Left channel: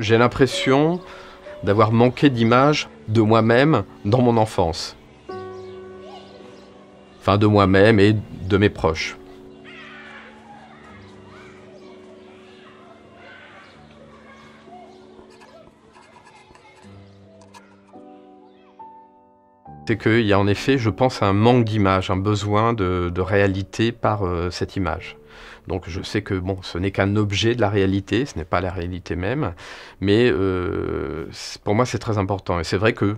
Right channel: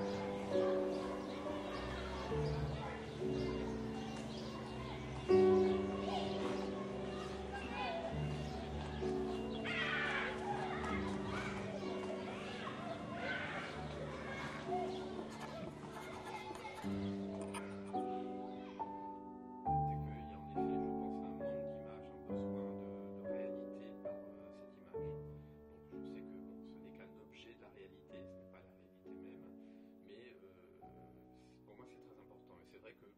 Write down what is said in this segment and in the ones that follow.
J'ai l'impression d'avoir manqué d'image de moi-même dans mon enfance. Enfin, de moi-même et de mes proches. C'est qu'il y a en effet, je pense, un manque d'image, un besoin de réalité par cette image. Donc je sais que bon, ce n'est qu'un objet de la réalité, ce n'est pas la réalité même, mais pour moi c'est très important. Et c'est vrai que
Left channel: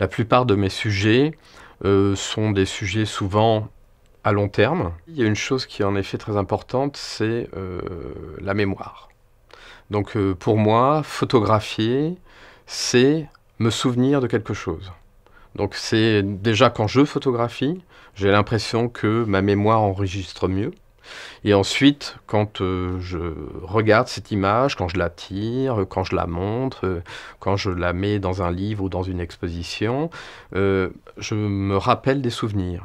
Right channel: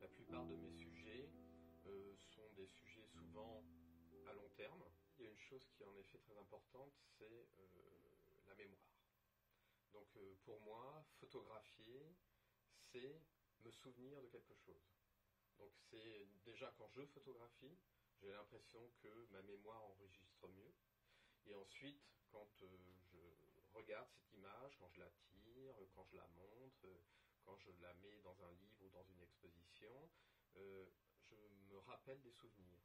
la plupart de mes sujets sont des sujets souvent à long terme. Il y a une chose qui est en effet très importante, c'est la mémoire. Donc pour moi, photographier, c'est me souvenir de quelque chose. Donc c'est déjà quand je photographie, j'ai l'impression que ma mémoire enregistre mieux. Et ensuite, quand je regarde cette image, quand je la tire, quand je la montre, quand je la mets dans un livre ou dans une exposition, je me rappelle des souvenirs.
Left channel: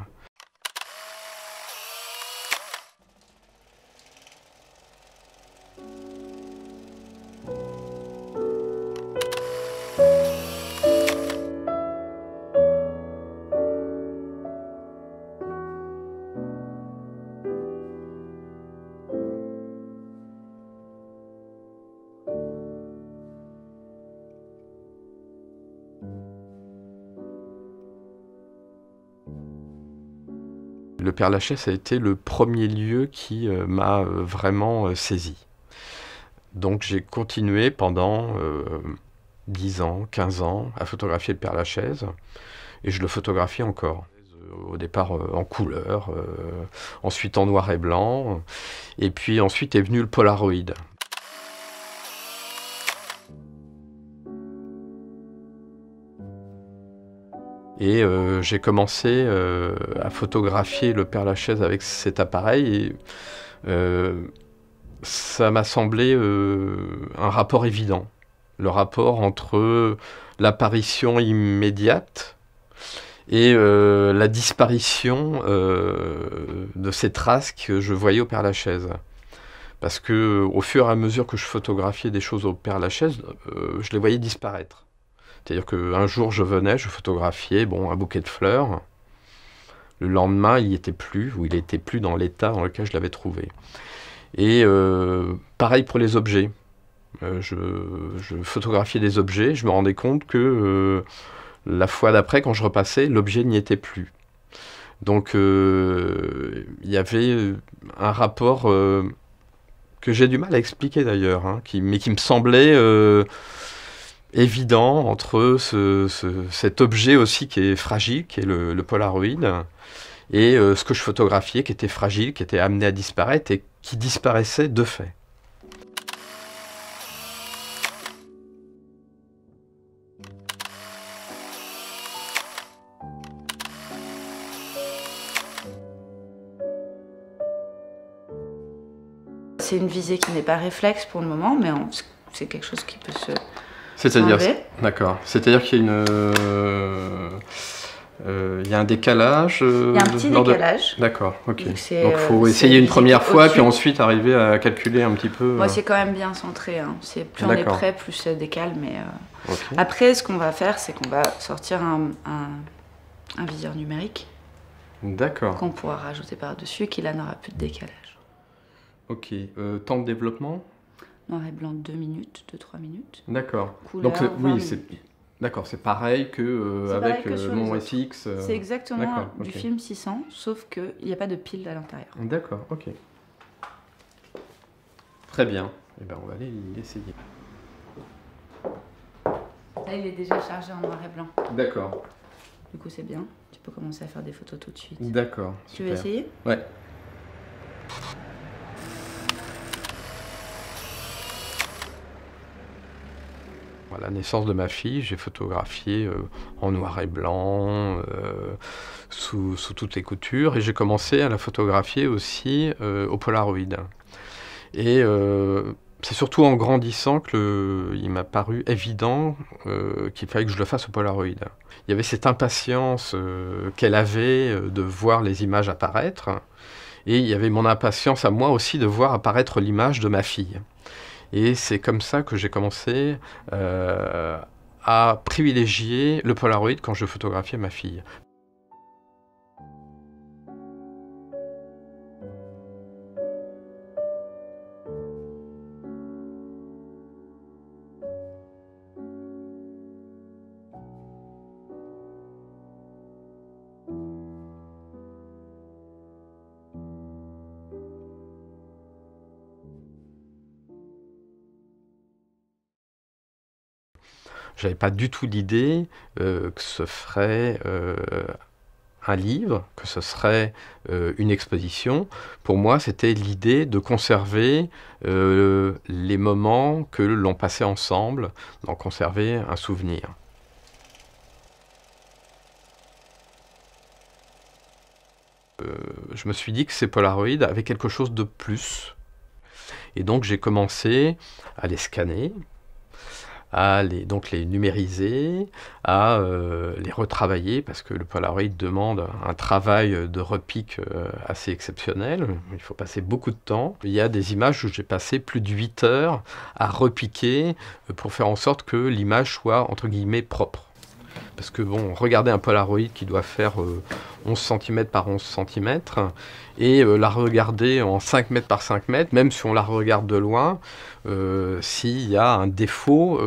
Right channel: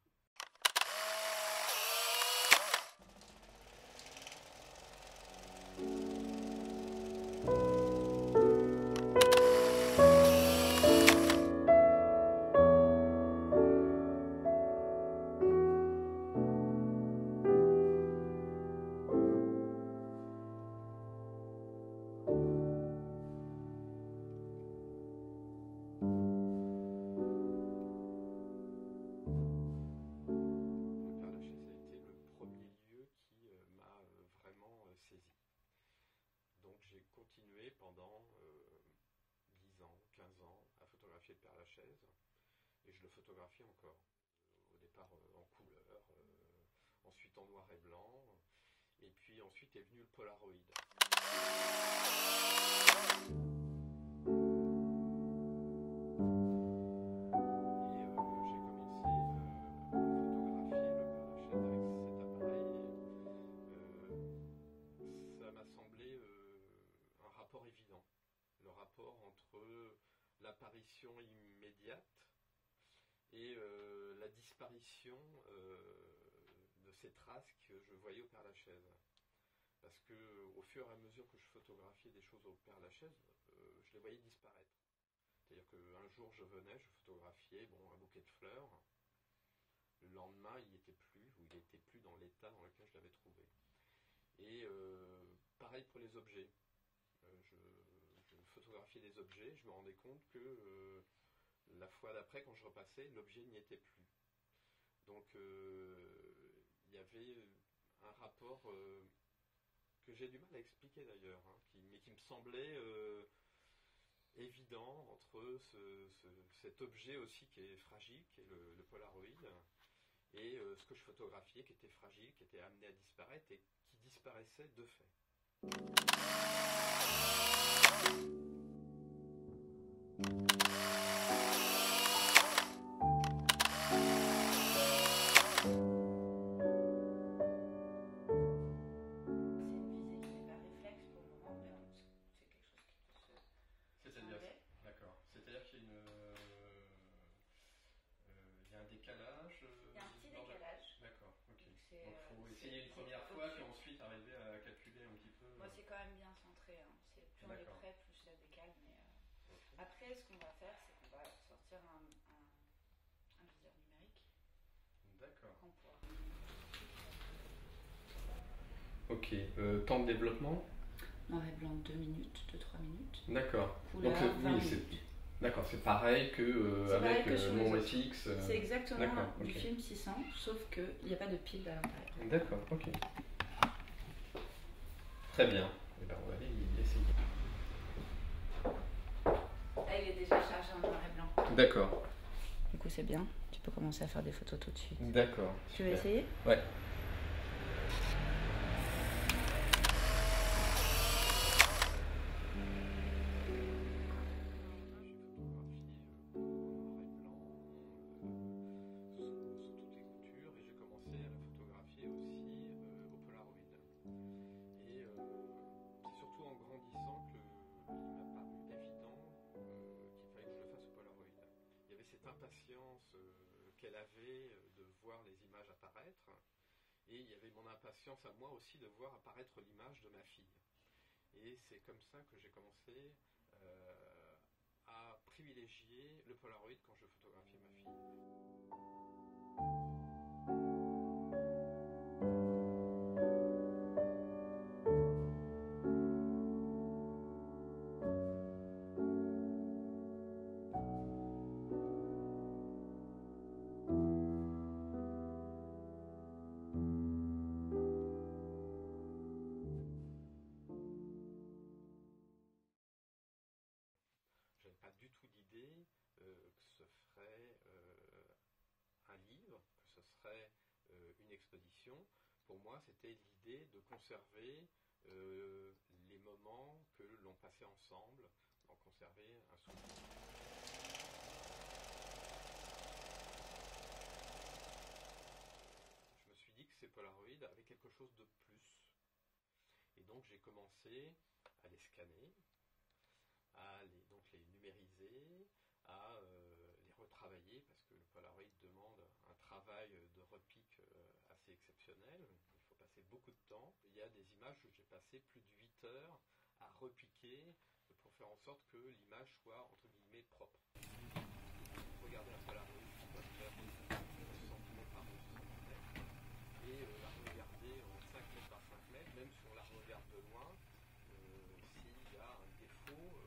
Le Père-Lachaise a été le premier lieu qui m'a vraiment saisi. Donc j'ai continué pendant 10 ans, 15 ans à photographier le Père-Lachaise et je le photographie encore. Au départ en couleur, ensuite en noir et blanc, et puis ensuite est venu le Polaroid. Et j'ai commencé à photographier le Père-Lachaise avec cet appareil et ça m'a semblé un rapport évident. Le rapport entre l'apparition immédiate et la disparition de ces traces que je voyais au Père-Lachaise. Parce que au fur et à mesure que je photographiais des choses au Père-Lachaise, je les voyais disparaître. C'est-à-dire qu'un jour je venais, je photographiais un bouquet de fleurs. Le lendemain, il n'y était plus, ou il n'était plus dans l'état dans lequel je l'avais trouvé. Et pareil pour les objets. Je photographiais des objets, je me rendais compte que la fois d'après, quand je repassais, l'objet n'y était plus. Donc il y avait un rapport que j'ai du mal à expliquer d'ailleurs, hein, mais qui me semblait évident entre cet objet aussi qui est fragile, qui est le Polaroid, et ce que je photographiais qui était fragile, qui était amené à disparaître et qui disparaissait de fait. C'est une visée qui n'est pas réflexe pour le moment, mais c'est quelque chose qui peut se... C'est-à-dire, d'accord. C'est-à-dire qu'il y a il y a un décalage. Il y a un petit décalage. D'accord, ok. Donc il faut essayer une première fois, puis ensuite arriver à calculer un petit peu. Moi, c'est quand même bien centré. Hein. Plus on est près, plus ça décale. Mais okay. Après, ce qu'on va faire, c'est qu'on va sortir un viseur numérique. D'accord. Qu'on pourra rajouter par-dessus, qui là n'aura plus de décalage. Ok. Temps de développement? Noir et blanc 2 minutes, 2-3 minutes. D'accord. Couleur, donc oui, c'est d'accord, c'est pareil que avec mon FX. C'est exactement du film 600, sauf qu'il n'y a pas de pile à l'intérieur. D'accord, ok. Très bien. Eh ben, on va aller l'essayer. Là, il est déjà chargé en noir et blanc. D'accord. Du coup, c'est bien. Tu peux commencer à faire des photos tout de suite. D'accord. Tu veux essayer? Ouais. À la naissance de ma fille, j'ai photographié en noir et blanc, sous toutes les coutures, et j'ai commencé à la photographier aussi au Polaroid. Et c'est surtout en grandissant qu'il m'a paru évident qu'il fallait que je le fasse au Polaroid. Il y avait cette impatience qu'elle avait de voir les images apparaître, et il y avait mon impatience à moi aussi de voir apparaître l'image de ma fille. Et c'est comme ça que j'ai commencé à privilégier le Polaroid quand je photographiais ma fille. J'avais pas du tout l'idée que ce ferait un livre, que ce serait une exposition. Pour moi, c'était l'idée de conserver les moments que l'on passait ensemble, d'en conserver un souvenir. Je me suis dit que ces Polaroids avaient quelque chose de plus. Et donc j'ai commencé à les scanner, à les numériser, à les retravailler, parce que le Polaroid demande un travail de repique assez exceptionnel. Il faut passer beaucoup de temps. Il y a des images où j'ai passé plus de 8 heures à repiquer pour faire en sorte que l'image soit, entre guillemets, propre. Parce que bon, regardez un Polaroid qui doit faire 11 cm par 11 cm, et la regarder en 5 mètres par 5 mètres, même si on la regarde de loin, s'il y a un défaut,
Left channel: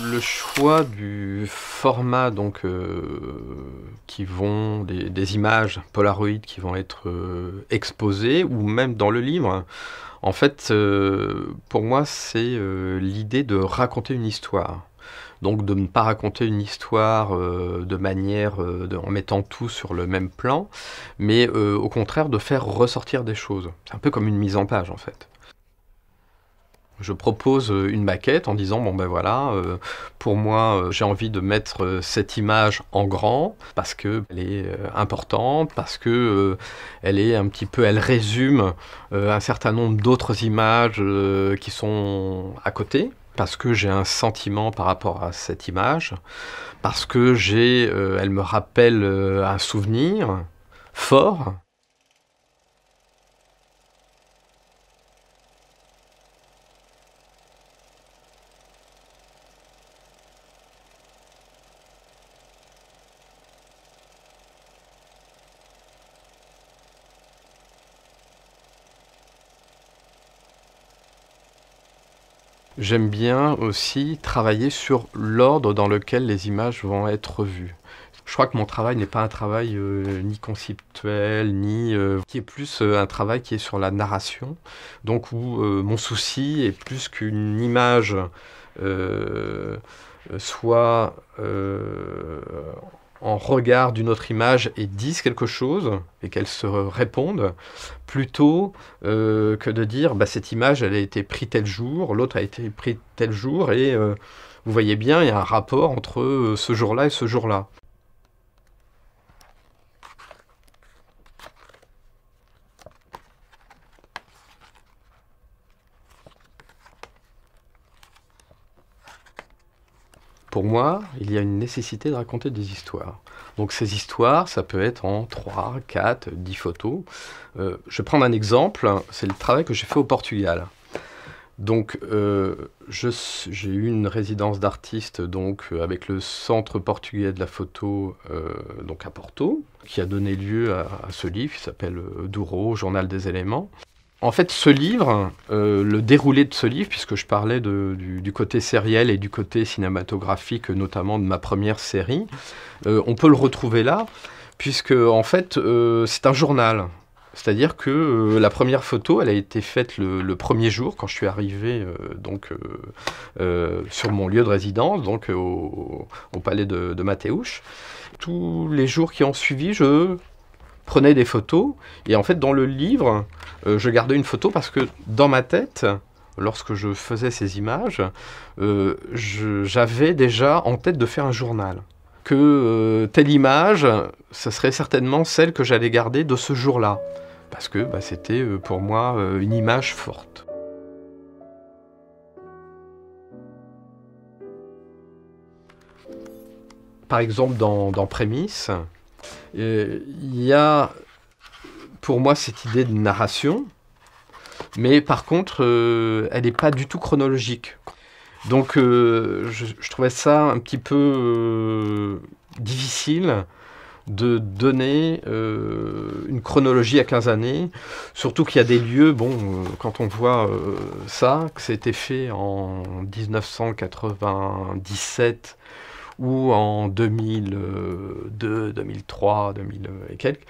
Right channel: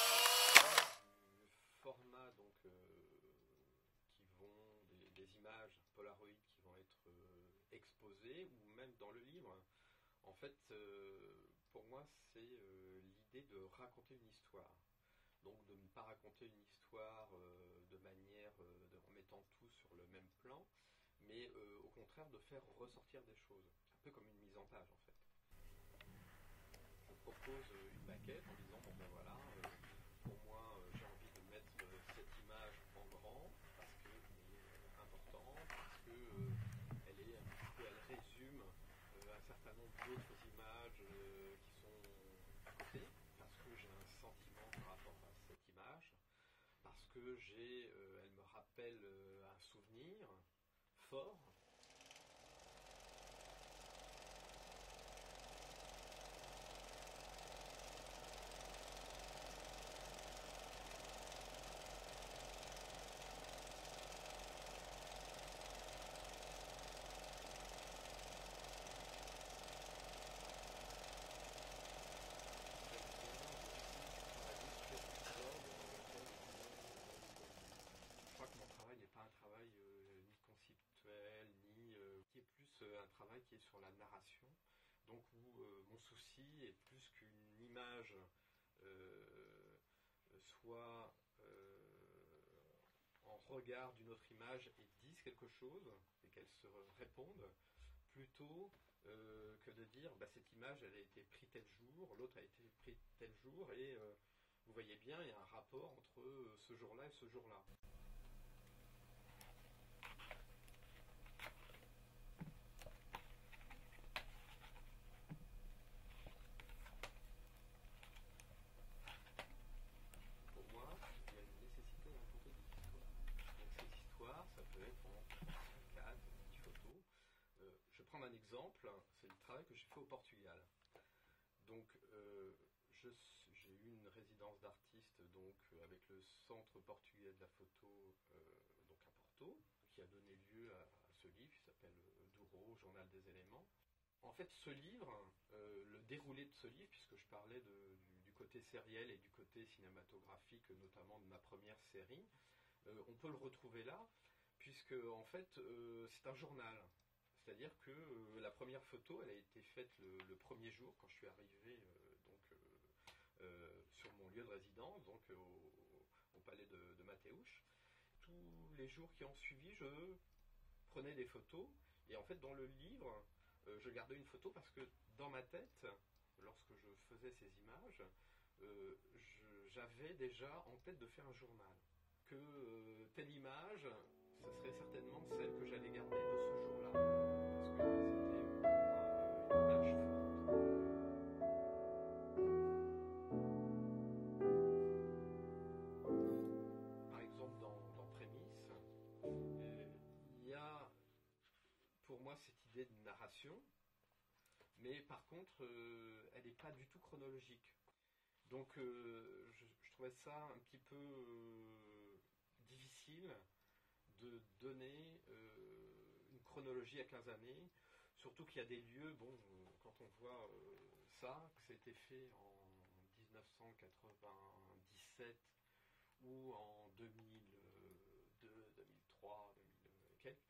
le choix du format, donc, des images Polaroid qui vont être exposées, ou même dans le livre, en fait, pour moi, c'est l'idée de raconter une histoire. Donc de ne pas raconter une histoire de manière, en mettant tout sur le même plan, mais au contraire de faire ressortir des choses. C'est un peu comme une mise en page, en fait. Je propose une maquette en disant, bon ben voilà, pour moi j'ai envie de mettre cette image en grand parce qu'elle est importante, parce que elle est un petit peu, elle résume un certain nombre d'autres images qui sont à côté, parce que j'ai un sentiment par rapport à cette image, parce que elle me rappelle un souvenir fort. J'aime bien aussi travailler sur l'ordre dans lequel les images vont être vues. Je crois que mon travail n'est pas un travail ni conceptuel, ni qui est plus un travail qui est sur la narration. Donc où mon souci est plus qu'une image euh, soit en regard d'une autre image et dise quelque chose, et qu'elles se répondent, plutôt que de dire bah, cette image elle a été prise tel jour, l'autre a été prise tel jour, et vous voyez bien, il y a un rapport entre ce jour-là et ce jour-là. Pour moi, il y a une nécessité de raconter des histoires. Donc ces histoires, ça peut être en 3, 4, 10 photos. Je vais prendre un exemple, c'est le travail que j'ai fait au Portugal. Donc j'ai eu une résidence d'artiste avec le Centre portugais de la photo donc à Porto, qui a donné lieu à ce livre qui s'appelle Douro, Journal des éléments. En fait, ce livre, le déroulé de ce livre, puisque je parlais du côté sériel et du côté cinématographique, notamment de ma première série, on peut le retrouver là, puisque en fait, c'est un journal. C'est-à-dire que la première photo, elle a été faite le premier jour, quand je suis arrivé sur mon lieu de résidence, donc au palais de Mateusz. Tous les jours qui ont suivi, je prenais des photos, et en fait dans le livre je gardais une photo parce que dans ma tête, lorsque je faisais ces images, j'avais déjà en tête de faire un journal, que telle image ce serait certainement celle que j'allais garder de ce jour-là, parce que bah, c'était pour moi une image forte. par exemple dans Prémices, il y a pour moi cette idée de narration, mais par contre, elle n'est pas du tout chronologique. Donc je trouvais ça un petit peu difficile de donner une chronologie à 15 années, surtout qu'il y a des lieux, quand on voit ça, que c'était fait en 1997 ou en 2002, 2003, 2000 et quelques,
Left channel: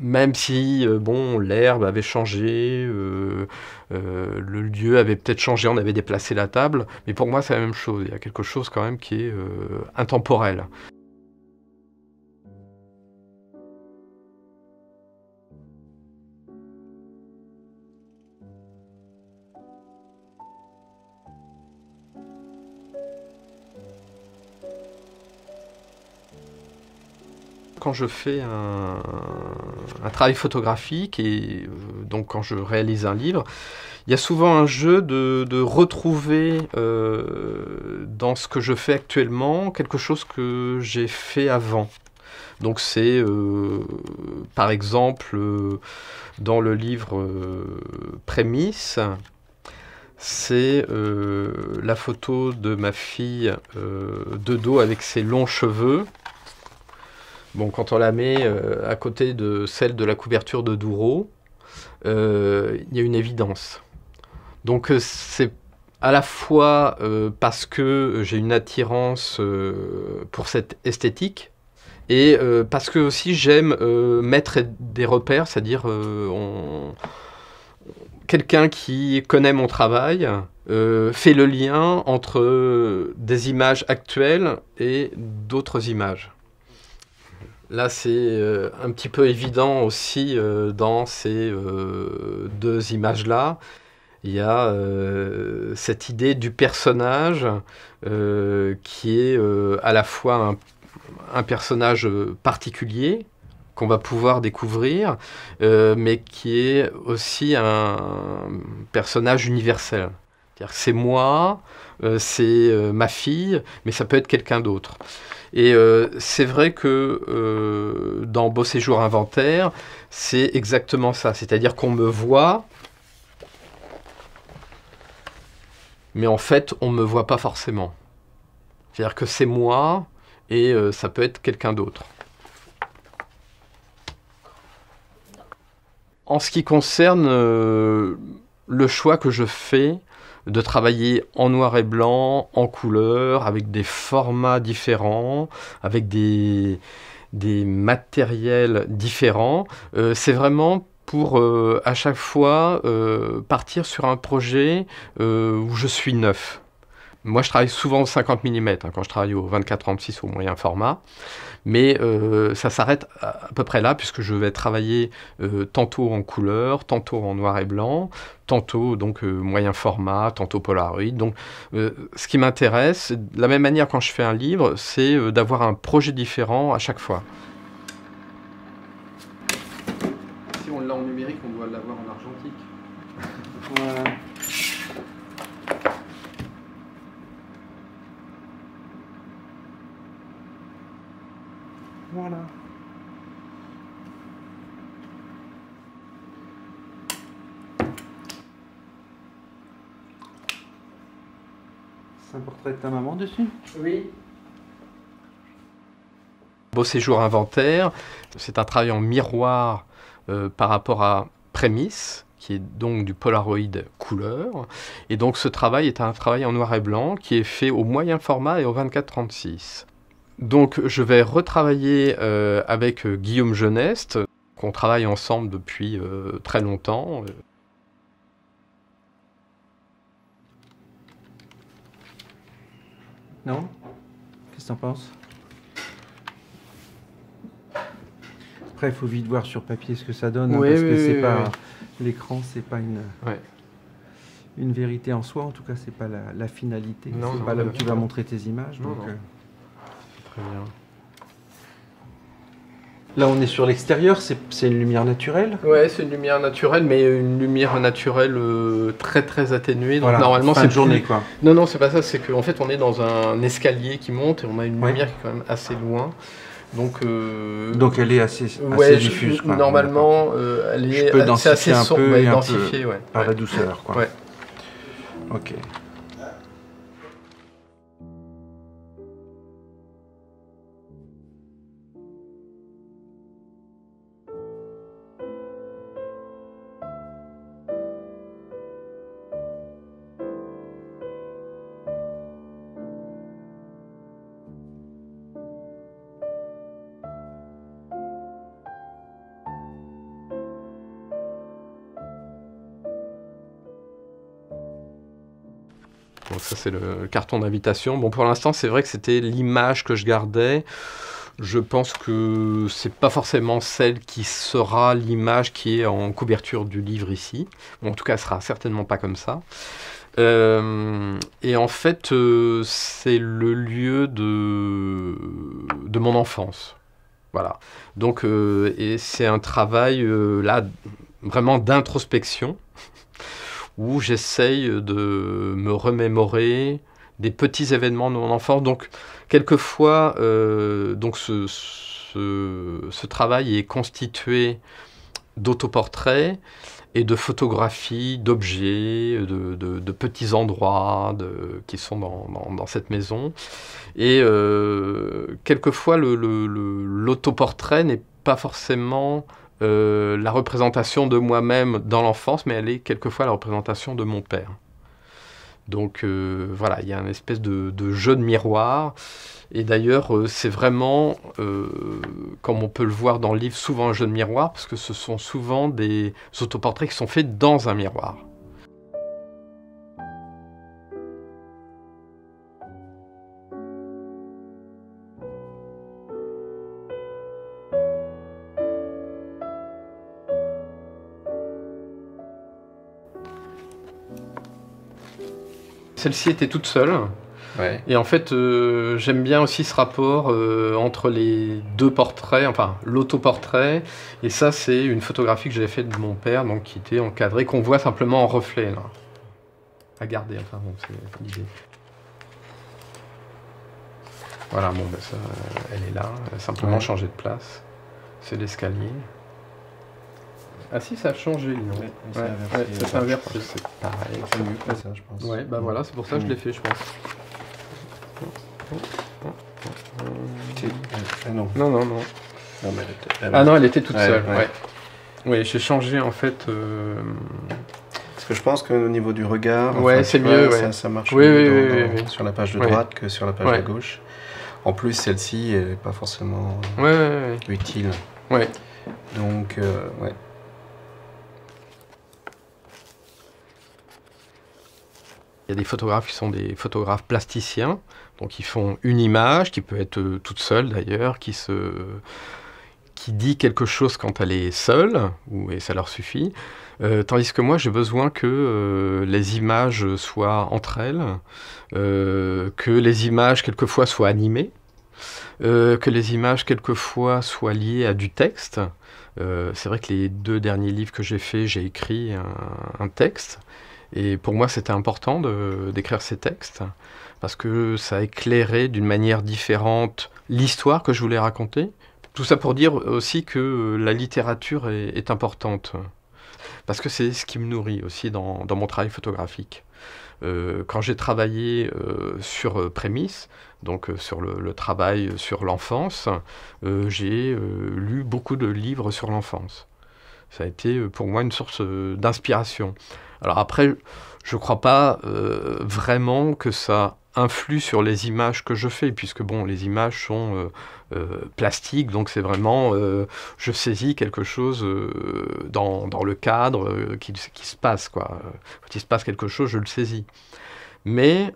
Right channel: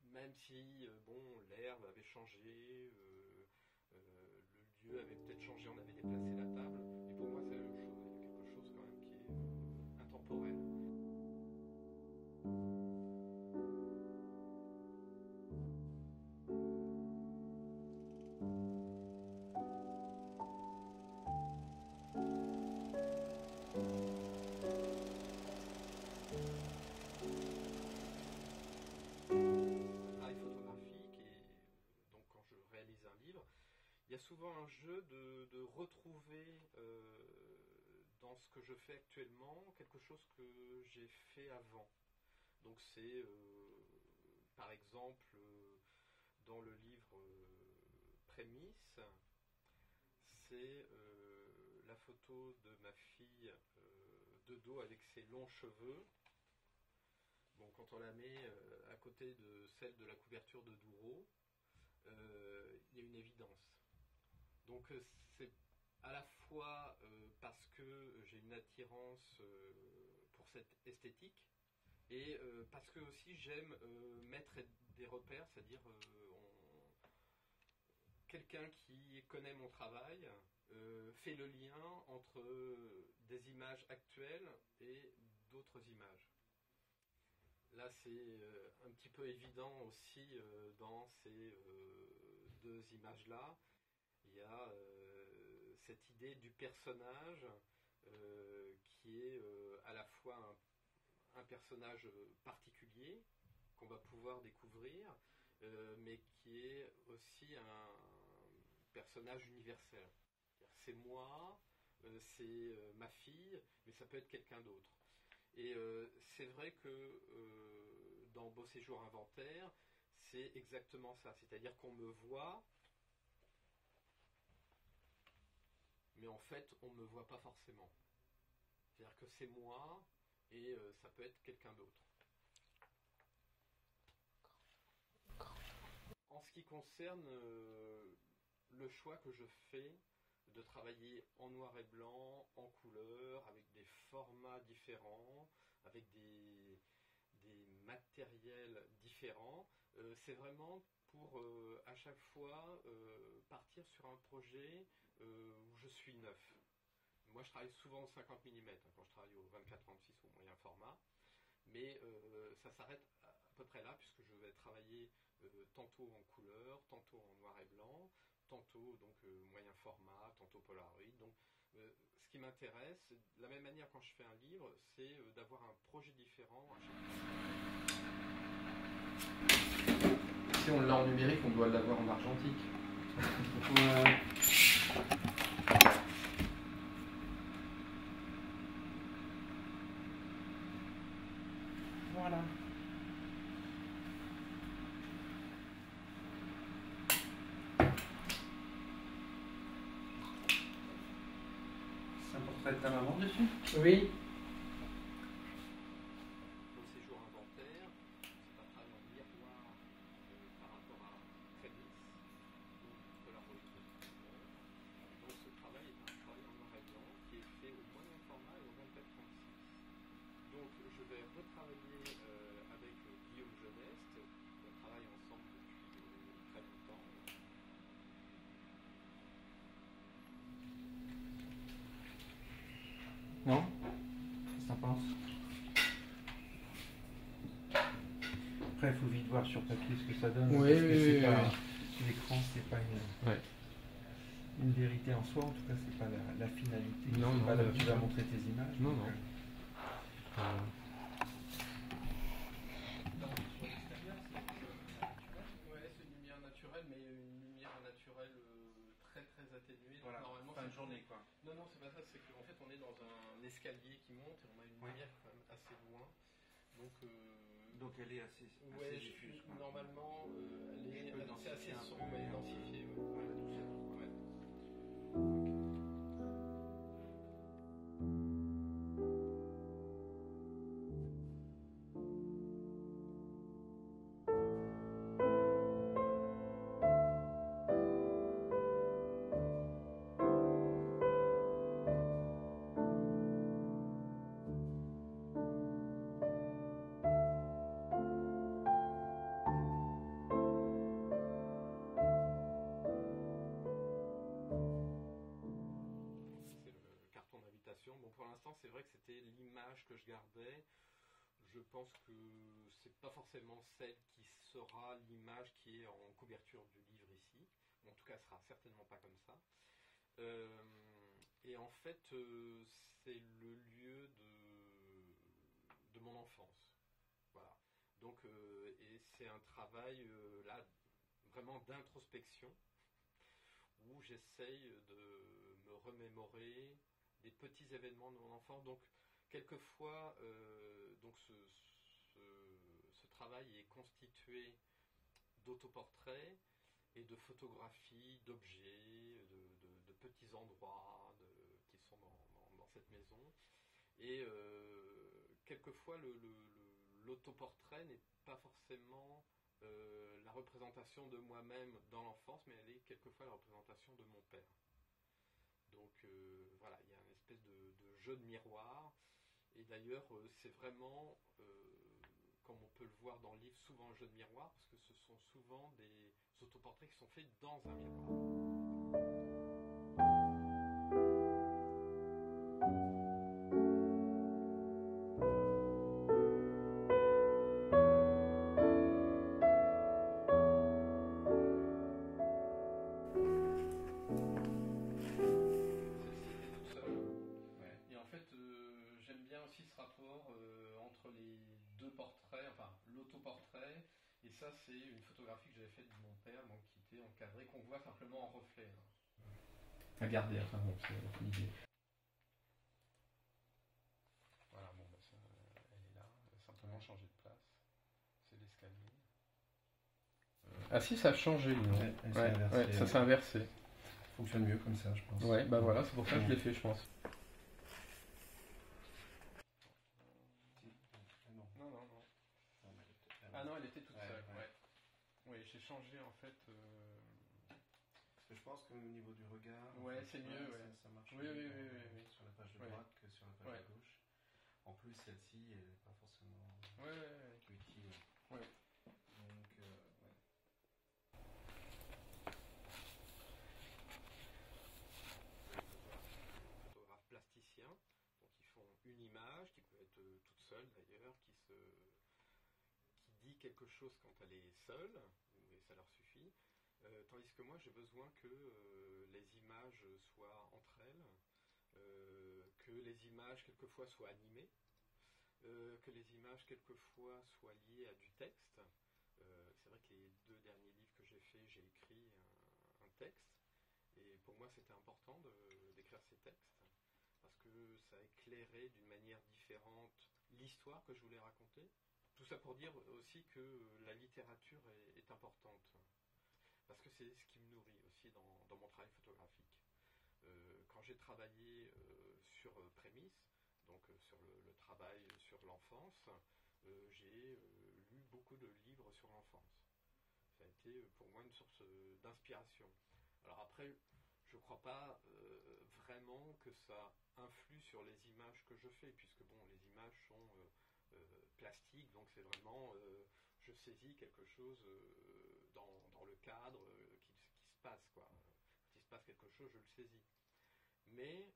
même si l'herbe avait changé, le lieu avait peut-être changé, on avait déplacé la table, mais pour moi c'est la même chose, il y a quelque chose quand même qui est intemporel. Quand je fais un travail photographique et donc quand je réalise un livre, il y a souvent un jeu de retrouver dans ce que je fais actuellement quelque chose que j'ai fait avant. Donc c'est par exemple dans le livre Prémices, c'est la photo de ma fille de dos avec ses longs cheveux. Bon, quand on la met à côté de celle de la couverture de Douro, il y a une évidence. Donc c'est à la fois parce que j'ai une attirance pour cette esthétique et parce que aussi j'aime mettre des repères, c'est-à-dire quelqu'un qui connaît mon travail fait le lien entre des images actuelles et d'autres images. Là, c'est un petit peu évident aussi dans ces deux images-là. Il y a cette idée du personnage qui est à la fois un personnage particulier qu'on va pouvoir découvrir, mais qui est aussi un personnage universel. C'est-à-dire que c'est moi, c'est ma fille, mais ça peut être quelqu'un d'autre. Et c'est vrai que dans Beau Séjour Inventaire, c'est exactement ça. C'est-à-dire qu'on me voit, mais en fait, on ne me voit pas forcément. C'est-à-dire que c'est moi et ça peut être quelqu'un d'autre. En ce qui concerne le choix que je fais de travailler en noir et blanc, en couleur, avec des formats différents, avec des matériels différents, c'est vraiment pour à chaque fois partir sur un projet où je suis neuf. Moi, je travaille souvent au 50 mm, quand je travaille au 24-36 au moyen format. Mais ça s'arrête à peu près là, puisque je vais travailler tantôt en couleur, tantôt en noir et blanc, tantôt donc moyen format, tantôt Polaroid. Donc ce qui m'intéresse, de la même manière quand je fais un livre, c'est d'avoir un projet différent à chaque fois. Si on l'a en numérique, on doit l'avoir en argentique. Voilà. Voilà. C'est un portrait de ta maman dessus? Oui. Beau Séjour Inventaire, c'est un travail en miroir par rapport à Prémices, qui est donc du Polaroid couleur. Et donc ce travail est un travail en noir et blanc qui est fait au moyen format et au 24-36. Donc je vais retravailler avec Guillaume Geneste, qu'on travaille ensemble depuis très longtemps. Non? Qu'est-ce que t'en penses? Après, il faut vite voir sur papier ce que ça donne, oui, parce que oui, c'est pas oui. l'écran, c'est pas une vérité en soi. En tout cas, c'est pas la finalité. C'est pas là où tu vas montrer tes images. Non, donc, non. Très bien. Là, on est sur l'extérieur, c'est une lumière naturelle? Ouais, c'est une lumière naturelle, mais une lumière naturelle très très atténuée. Donc voilà, normalement, fin c'est de journée, quoi. Non, c'est pas ça. C'est qu'en fait, on est dans un escalier qui monte et on a une Ouais. lumière qui est quand même assez loin. Donc elle est assez diffuse, quoi. Normalement, elle est je peux densifier assez un sombre, peu et densifiée, ouais. par la douceur, quoi. Ouais. Ok. Donc ça, c'est le carton d'invitation. Bon, pour l'instant, c'est vrai que c'était l'image que je gardais. Je pense que c'est pas forcément celle qui sera l'image qui est en couverture du livre ici. Bon, en tout cas, elle sera certainement pas comme ça. Et en fait, c'est le lieu de mon enfance. Voilà. Donc, et c'est un travail là vraiment d'introspection où j'essaye de me remémorer des petits événements de mon enfance. Donc, quelquefois, donc ce travail est constitué d'autoportraits et de photographies d'objets, de petits endroits qui sont dans cette maison. Et quelquefois, l'autoportrait n'est pas forcément la représentation de moi-même dans l'enfance, mais elle est quelquefois la représentation de mon père. Donc voilà, il y a une espèce de jeu de miroir. Et d'ailleurs, c'est vraiment, comme on peut le voir dans le livre, souvent un jeu de miroir, parce que ce sont souvent des autoportraits qui sont faits dans un miroir. Celle-ci était toute seule. Ouais. Et en fait, j'aime bien aussi ce rapport entre les deux portraits, enfin l'autoportrait. Et ça, c'est une photographie que j'avais faite de mon père, donc qui était encadrée, qu'on voit simplement en reflet, là. À garder, enfin bon, c'est l'idée. Voilà, bon, ben ça, elle est là. Elle a simplement changé de place. C'est l'escalier. Ah si, ça a changé, lui. Oui, ça s'est inversé. C'est pareil. C'est mieux que ça, je pense. Ouais, bah voilà, c'est pour ça que je l'ai fait, je pense. Ah non. Non. Non, mais elle était toute seule, ouais. Oui, j'ai changé, en fait... Parce que je pense qu'au niveau du regard, c'est mieux, ça marche mieux sur la page de droite que sur la page de gauche. En plus, celle-ci n'est pas forcément utile. Ouais. Donc, ouais. Il y a des photographes qui sont des photographes plasticiens, donc ils font une image, qui peut être toute seule d'ailleurs, qui dit quelque chose quand elle est seule, et ça leur suffit. Tandis que moi, j'ai besoin que les images soient entre elles, que les images quelquefois soient animées, que les images quelquefois soient liées à du texte. C'est vrai que les 2 derniers livres que j'ai faits, j'ai écrit un texte. Et pour moi, c'était important d'écrire ces textes, parce que ça éclairait d'une manière différente l'histoire que je voulais raconter. Tout ça pour dire aussi que la littérature est importante, parce que c'est ce qui me nourrit aussi dans mon travail photographique. Quand j'ai travaillé sur Prémisse, donc sur le travail sur l'enfance, j'ai lu beaucoup de livres sur l'enfance. Ça a été pour moi une source d'inspiration. Alors après, je ne crois pas vraiment que ça influe sur les images que je fais, puisque bon, les images sont plastiques, donc c'est vraiment, je saisis quelque chose dans le cadre qui se passe, quoi. Quand il se passe quelque chose, je le saisis. Mais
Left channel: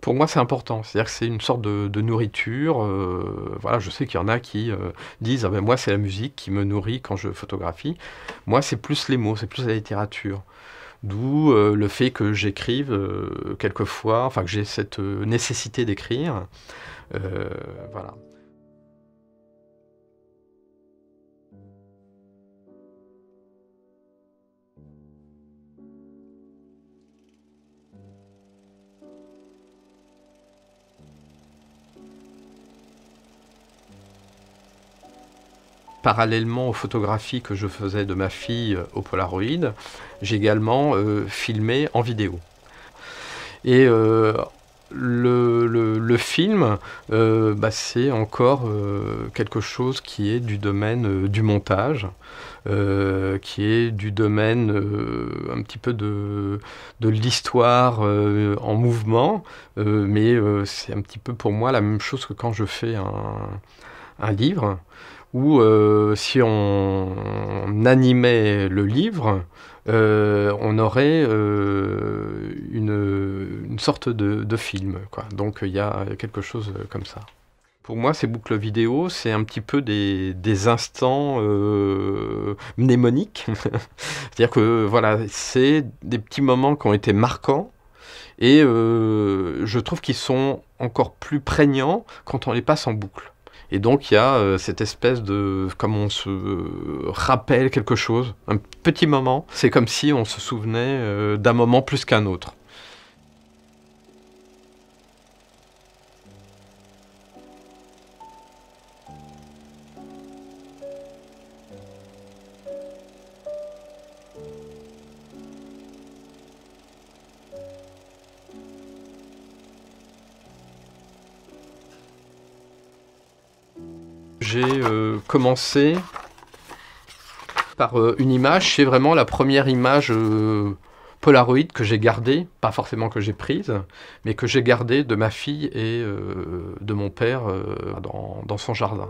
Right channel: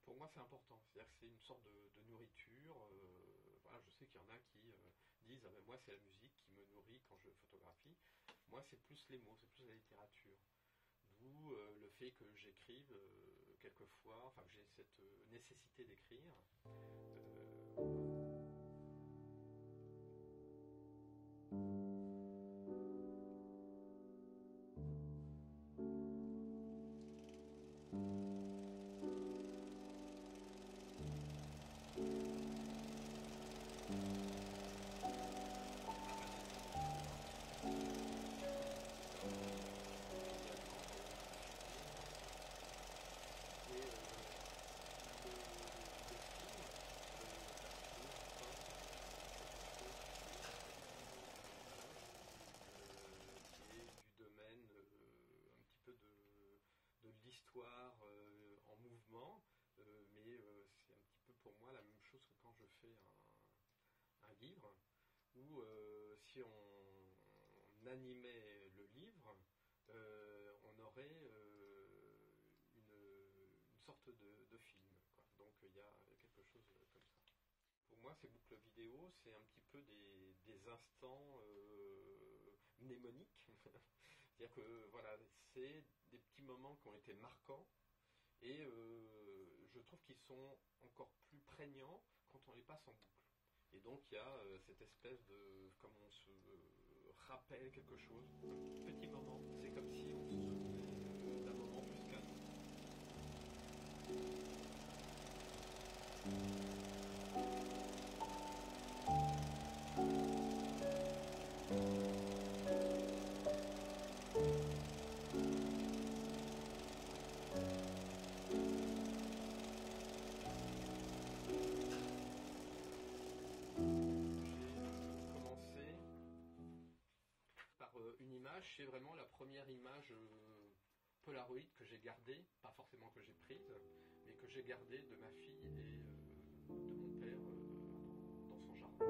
pour moi, c'est important. C'est-à-dire que c'est une sorte de nourriture. Voilà, je sais qu'il y en a qui disent « Ah ben moi, c'est la musique qui me nourrit quand je photographie ». Moi, c'est plus les mots, c'est plus la littérature. D'où le fait que j'écrive quelquefois, enfin que j'ai cette nécessité d'écrire. Voilà. parallèlement aux photographies que je faisais de ma fille au Polaroid, j'ai également filmé en vidéo. Et le film, c'est encore quelque chose qui est du domaine du montage, qui est du domaine un petit peu de l'histoire en mouvement, mais c'est un petit peu pour moi la même chose que quand je fais un livre, où si on animait le livre, on aurait une sorte de film, quoi. Donc il y a quelque chose comme ça. Pour moi, ces boucles vidéo, c'est un petit peu des instants mnémoniques. C'est-à-dire que voilà, c'est des petits moments qui ont été marquants et je trouve qu'ils sont encore plus prégnants quand on les passe en boucle. Et donc il y a cette espèce de, comme on se rappelle quelque chose, un petit moment. C'est comme si on se souvenait d'un moment plus qu'un autre. J'ai commencé par une image, c'est vraiment la première image Polaroid que j'ai gardée, pas forcément que j'ai prise, mais que j'ai gardée de ma fille et de mon père dans son jardin.